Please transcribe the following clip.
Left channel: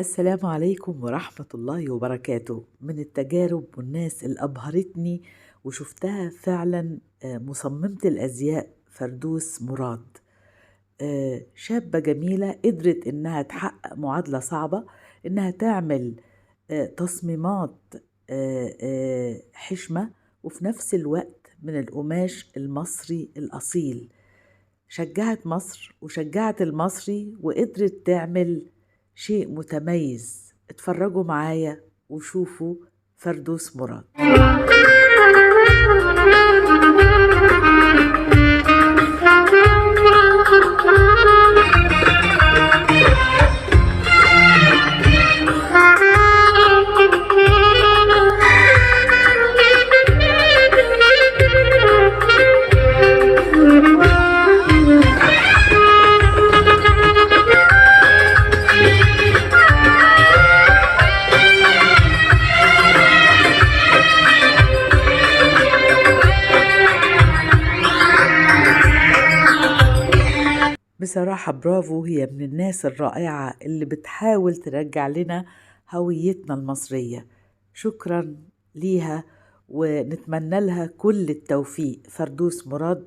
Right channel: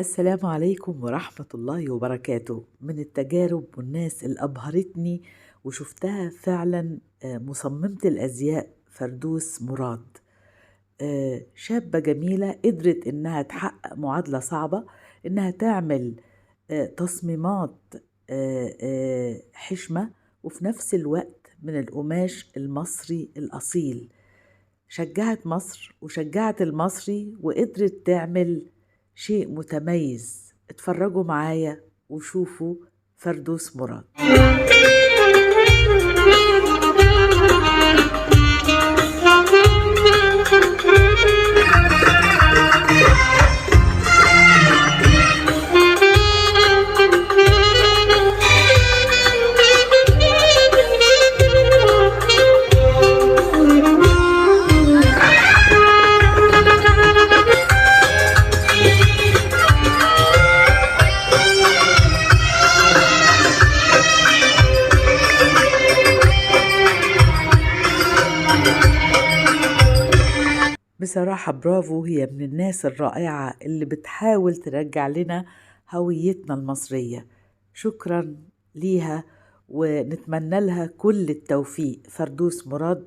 السلام عليكم ورحمة الله وبركاته. من التجارب والناس اللي أبهرتني وشفتها فعلا مصممة الأزياء فردوس مراد. شابة جميلة قدرت إنها تحقق معادلة صعبة، إنها تعمل تصميمات حشمة، وفي نفس الوقت من القماش المصري الأصيل. شجعت مصر وشجعت المصري وقدرت تعمل شيء متميز. اتفرجوا معايا وشوفوا فردوس مراد. بصراحة برافو، هي من الناس الرائعة اللي بتحاول ترجع لنا هويتنا المصرية. شكرا ليها ونتمنى لها كل التوفيق. فردوس مراد